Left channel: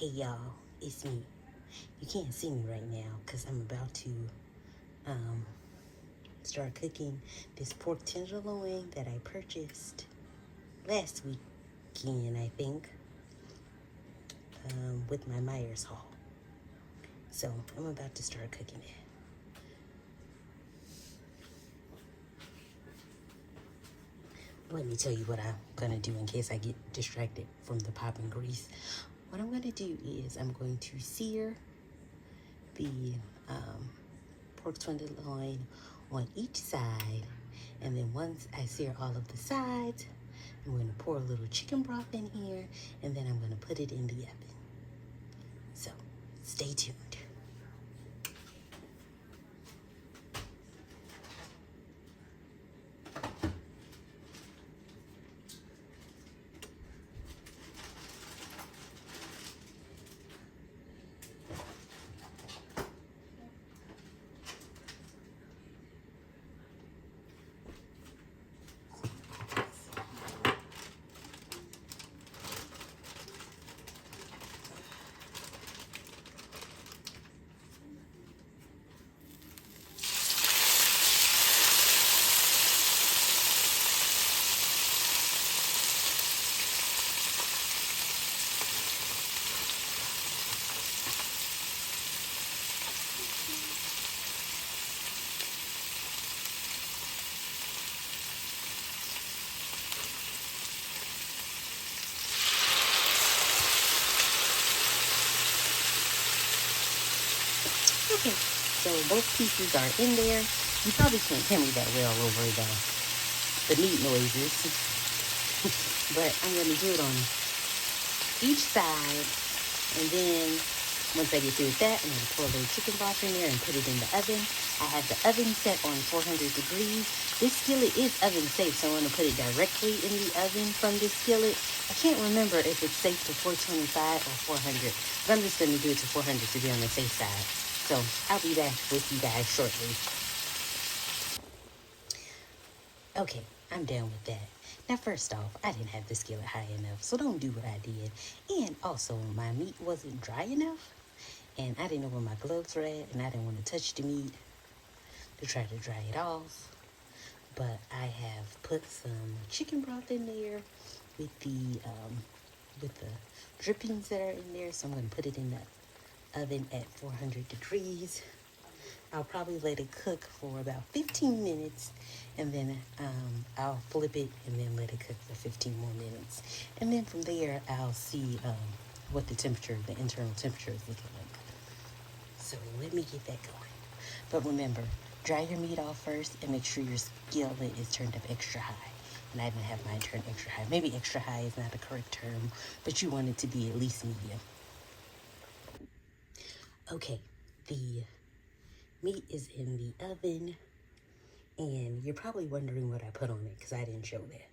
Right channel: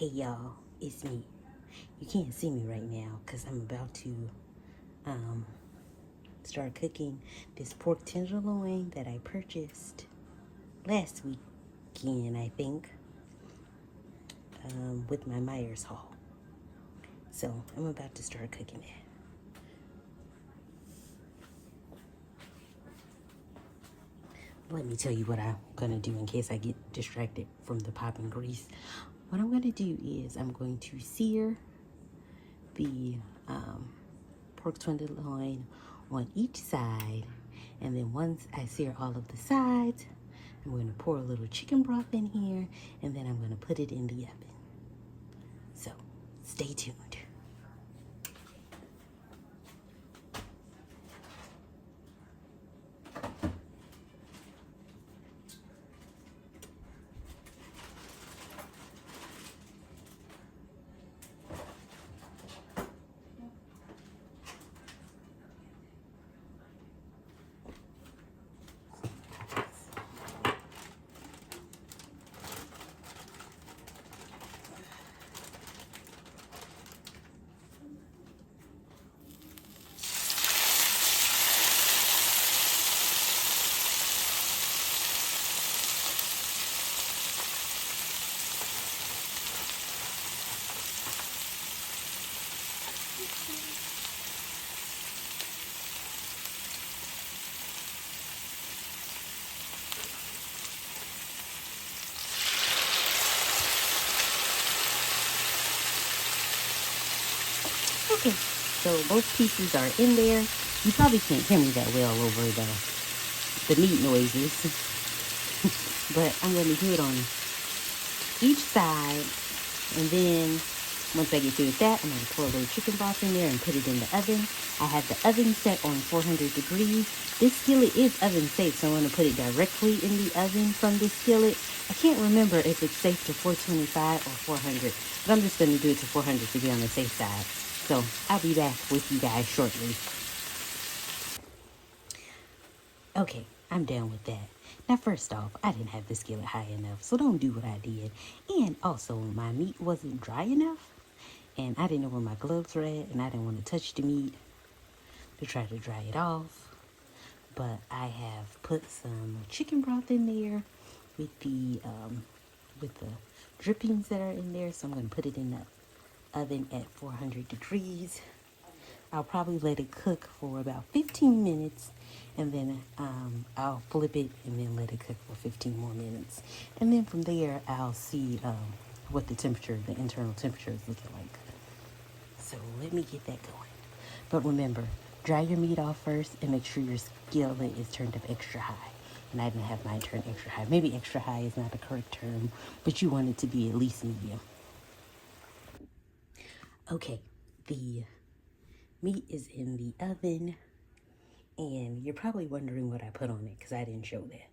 Hey y'all, it's me. You can't see me right now because I'm about to start cooking this pork tenderloin that I purchased last weekend, I think, with my Myers haul. So I'm about to start cooking it. Let me tell you what I'm gonna do in case I get distracted from the popping grease. What I'm gonna do is I'm going to sear the pork tenderloin on each side, and then once I sear all of the sides, I'm going to pour a little chicken broth in here, and then I'm going to put it in the oven. So stay tuned. Okay, so both pieces are in there. You probably can't hear me that well over the meat noises, but I'm going to do it on each side, and then once I get through with that, I'm going to pour a little chicken broth in there and put it in the oven. I have the oven set on 400 degrees. This skillet is oven safe, so I'm going to put it directly in the oven from this skillet. I can't remember if it's safe to 425 or 400, but I'm just going to do it to 400 to be on the safe side. So I'll be back with you guys shortly. Okay, I'm done with that. Now, first off, I didn't have the skillet high enough, so don't do what I did. And also, my meat wasn't dry enough, and I didn't know where my gloves were at, and I didn't want to touch the meat to try to dry it off. But I have put some chicken broth in there with the drippings that are in there, so I'm going to put it in the oven at 400 degrees. I'll probably let it cook for about 15 minutes, and then I'll flip it and then let it cook for 15 more minutes. And then from there, I'll see what the internal temperature is looking like. So let me get that going. But remember, dry your meat off first and make sure your skillet is turned up extra high. And I didn't have mine turned extra high. Maybe extra high is not the correct term, but you want it to be at least medium. Okay, the meat is in the oven, and you're probably wondering what I put on it because I didn't show that.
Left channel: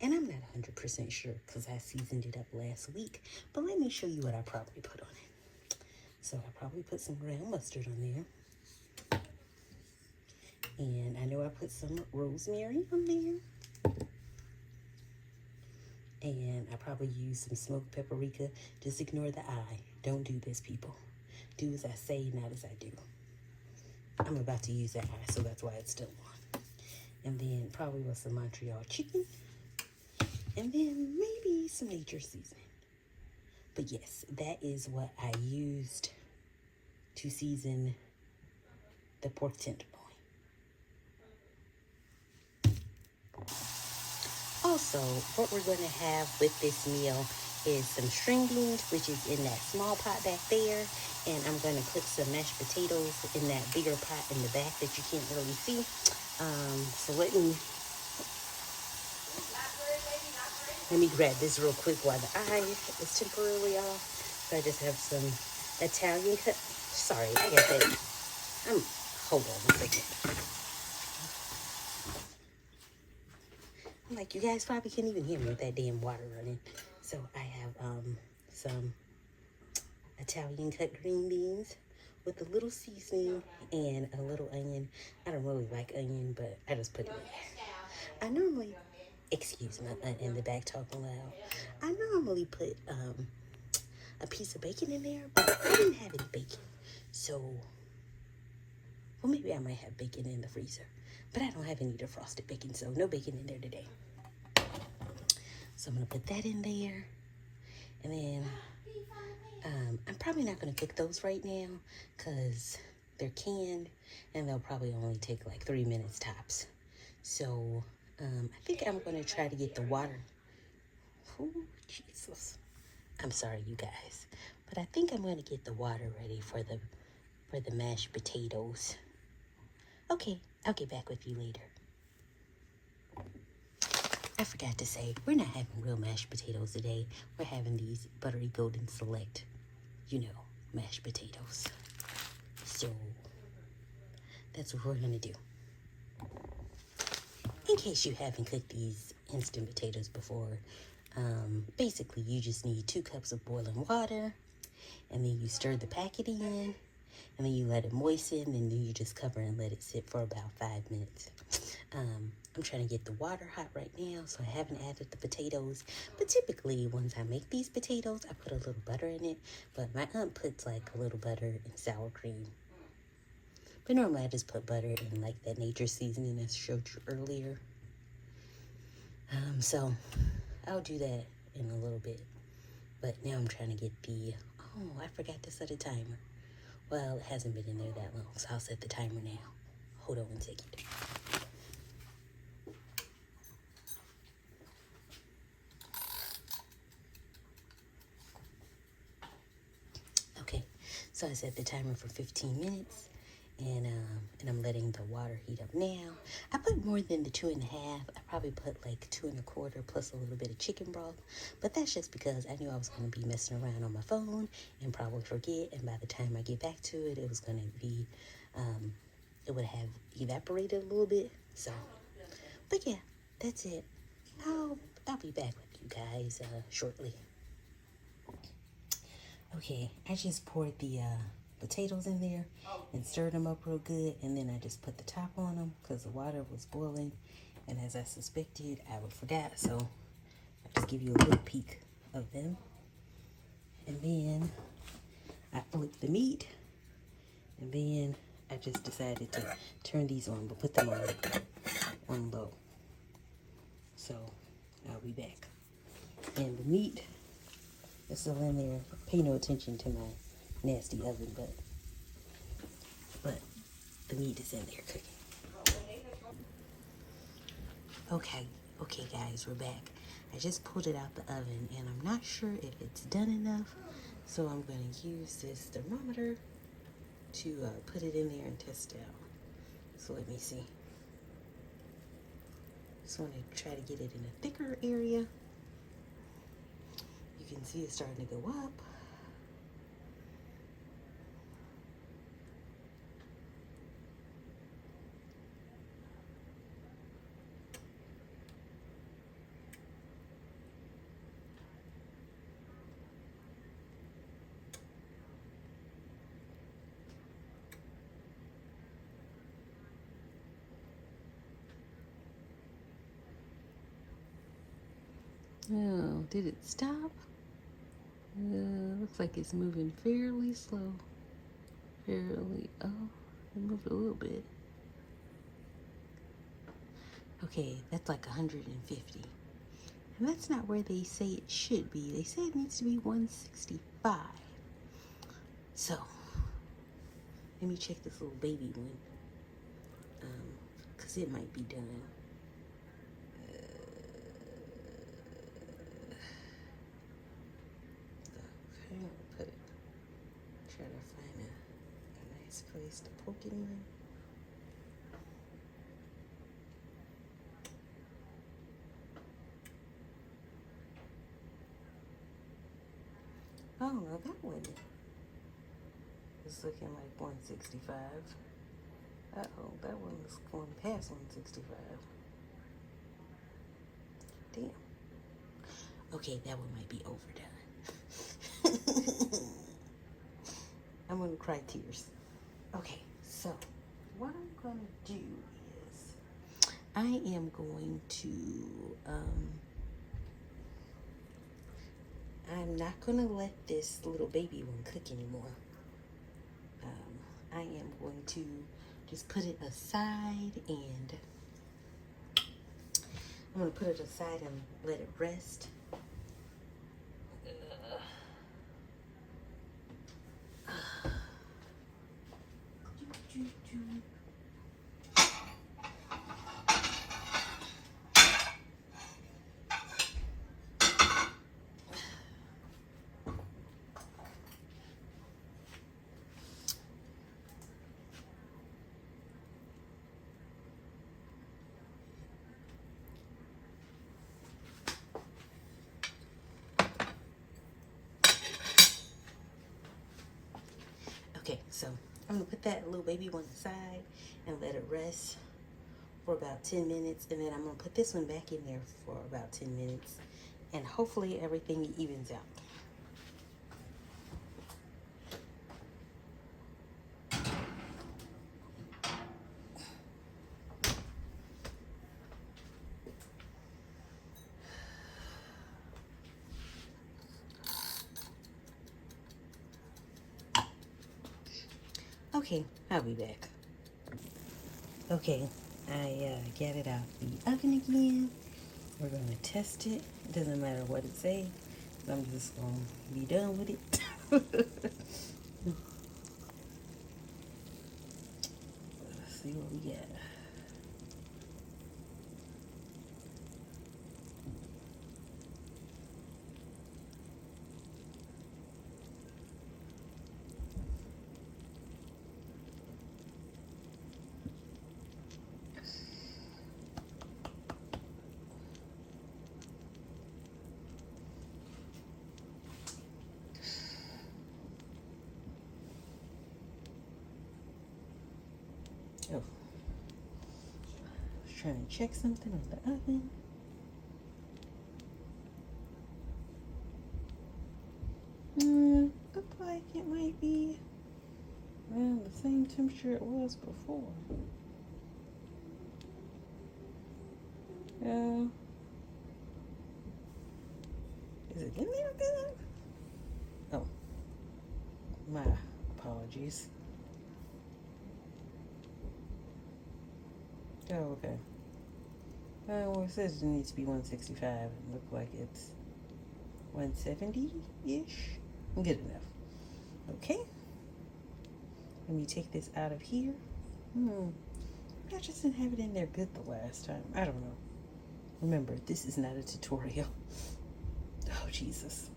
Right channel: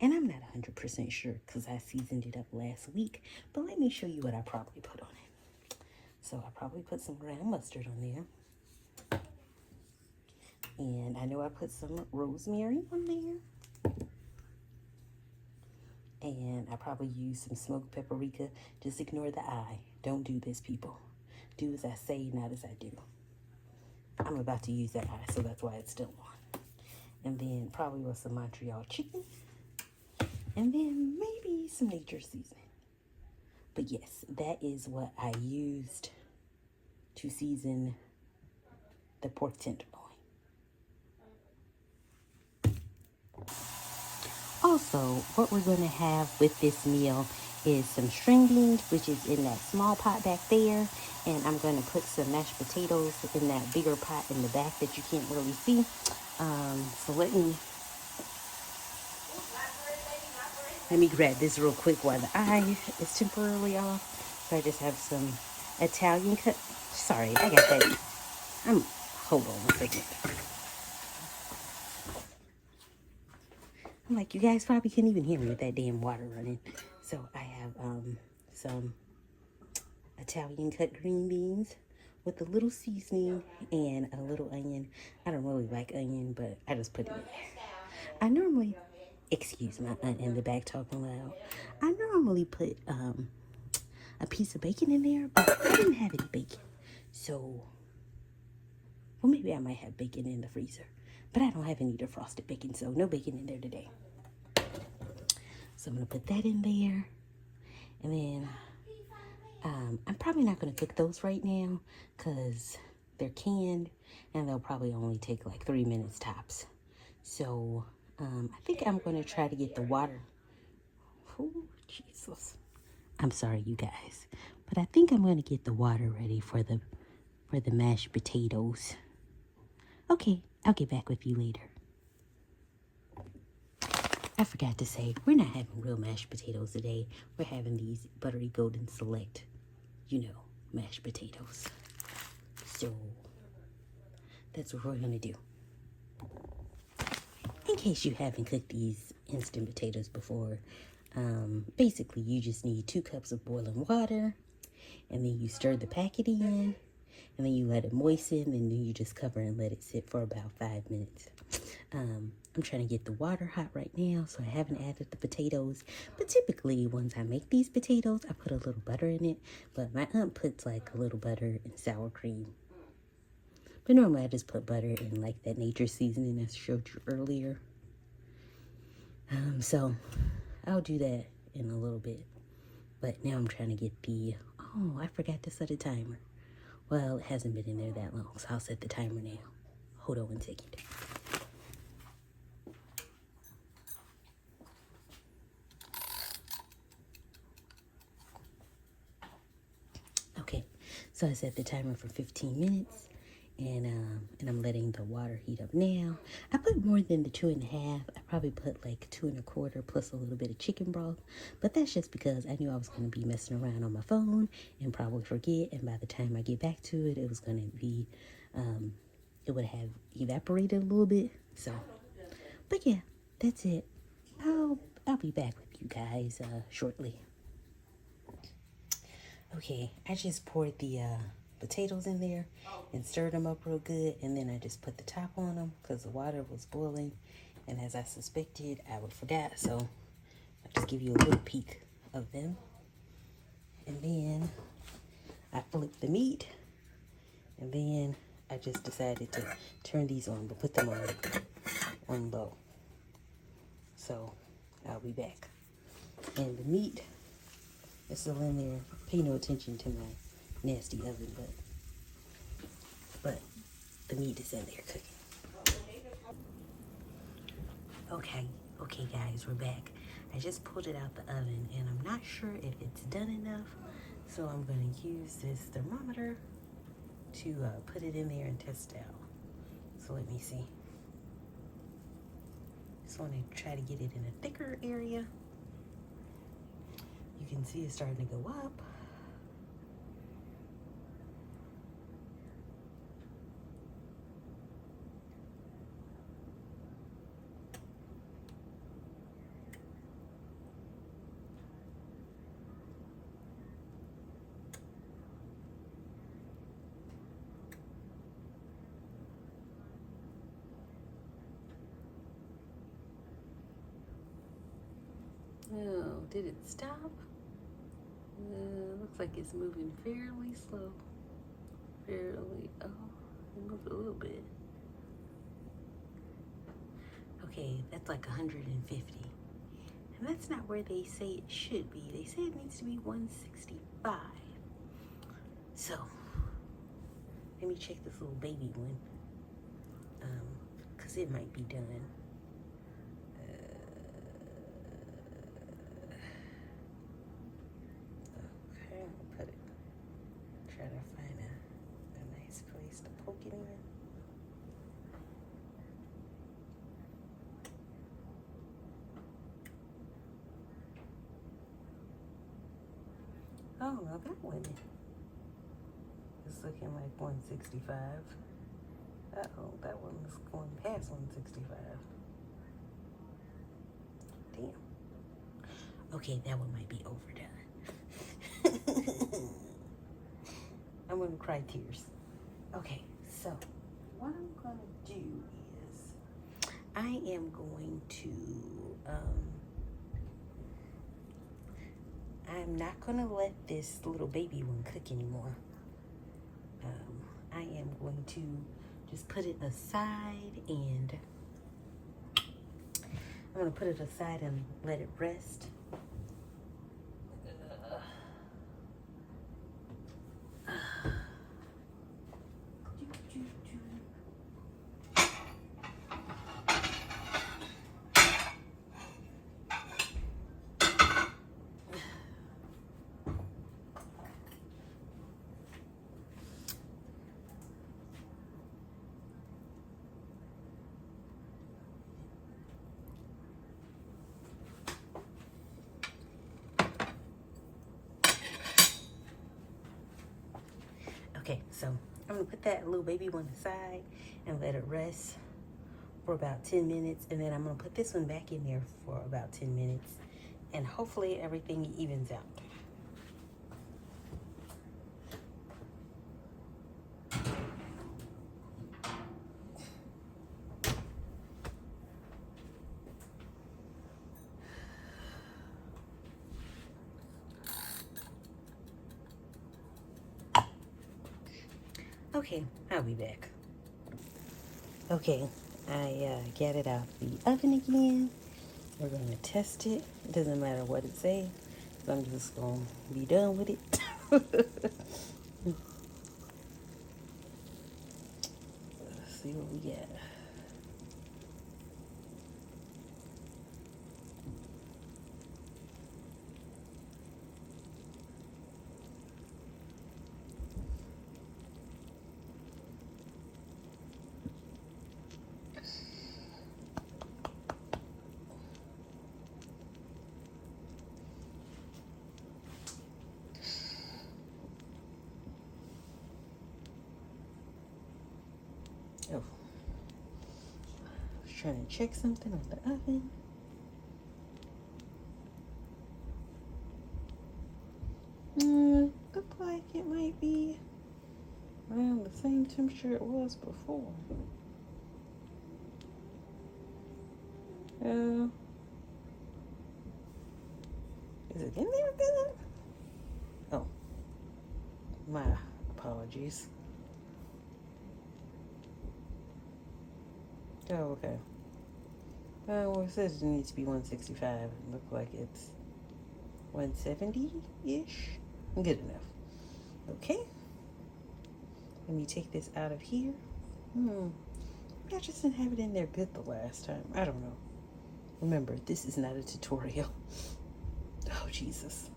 And I'm not 100% sure because I seasoned it up last week, but let me show you what I probably put on it. So I probably put some ground mustard on there. And I know I put some rosemary on there. And I probably used some smoked paprika. Just ignore the eye. Don't do this, people. Do as I say, not as I do. I'm about to use that eye, so that's why it's still on. And then probably with some Montreal chicken. And then maybe some nature seasoning. But yes, that is what I used to season the pork tenderloin. Also, what we're going to have with this meal is some string beans, which is in that small pot back there. And I'm going to put some mashed potatoes in that bigger pot in the back that you can't really see. So let me grab this real quick while the eye is temporarily off. So I just have some Italian cut. Sorry, I got that. Hold on a second. I'm like, you guys probably can't even hear me with that damn water running. So I have some Italian cut green beans with a little seasoning and a little onion. I don't really like onion, but I just put it in there. I normally, excuse my aunt in the back talking loud. I normally put a piece of bacon in there, but I didn't have any bacon. So, well, maybe I might have bacon in the freezer, but I don't have any defrosted bacon, so no bacon in there today. So I'm gonna put that in there, and then I'm probably not gonna cook those right now because they're canned and they'll probably only take like 3 minutes tops. So I think I'm gonna try to get the water. Oh, Jesus. I'm sorry, you guys, but I think I'm gonna get the water ready for the mashed potatoes. Okay, I'll get back with you later. I forgot to say, we're not having real mashed potatoes today. We're having these buttery golden select, you know, mashed potatoes. So that's what we're gonna do. In case you haven't cooked these instant potatoes before, basically you just need 2 cups of boiling water, and then you stir the packet in, and then you let it moisten, and then you just cover and let it sit for about 5 minutes. I'm trying to get the water hot right now, so I haven't added the potatoes. But typically, once I make these potatoes, I put a little butter in it. But my aunt puts like a little butter and sour cream. But normally I just put butter in like that nature seasoning I showed you earlier. So I'll do that in a little bit. But now I'm trying to get the, oh, I forgot to set a timer. Well, it hasn't been in there that long, so I'll set the timer now. Hold on 1 second. Okay, so I set the timer for 15 minutes, and I'm letting the water heat up now. I put more than the 2.5. I probably put like 2 1/4 plus a little bit of chicken broth, but that's just because I knew I was going to be messing around on my phone and probably forget, and by the time I get back to it, it was going to be, it would have evaporated a little bit. So, but yeah, that's it. I'll be back with you guys shortly. Okay, I just poured the potatoes in there and stirred them up real good, and then I just put the top on them because the water was boiling, and as I suspected, I would forget, so I'll just give you a little peek of them. And then I flipped the meat, and then I just decided to turn these on, but put them on low. So I'll be back. And the meat is still in there. Pay no attention to my nasty oven, but the meat is in there cooking. Okay guys, we're back. I just pulled it out the oven, and I'm not sure if it's done enough, so I'm going to use this thermometer to put it in there and test it out. So let me see. Just want to try to get it in a thicker area. You can see it's starting to go up. Oh, did it stop? Looks like it's moving fairly slow. Moved a little bit. Okay, that's like 150. And that's not where they say it should be. They say it needs to be 165. So, let me check this little baby one. Because it might be done. Try to find a nice place to poke it in. Oh no, that one is looking like 165. Uh-oh, that one is going past 165. Damn. Okay, that one might be overdone. I'm gonna cry tears. Okay, so what I'm gonna do is I am going to I'm not going to let this little baby one cook anymore. I am going to just put it aside, and I'm going to put it aside and let it rest. Okay, so I'm gonna put that little baby one aside and let it rest for about 10 minutes, and then I'm gonna put this one back in there for about 10 minutes, and hopefully everything evens out. Okay, I'll be back. Okay, I got it out the oven again. We're gonna test it. It doesn't matter what it says. I'm just gonna be done with it. Let's see what we got. Oh, I was trying to check something on the oven. Look like it might be around the same temperature it was before. Is it in there good? Oh, my apologies. Oh, okay. Well, it says it needs to be 165. It looks like it's 170-ish. Good enough. Okay. Let me take this out of here. I just didn't have it in there good the last time. I don't know. Remember, this is not a tutorial. Oh, Jesus.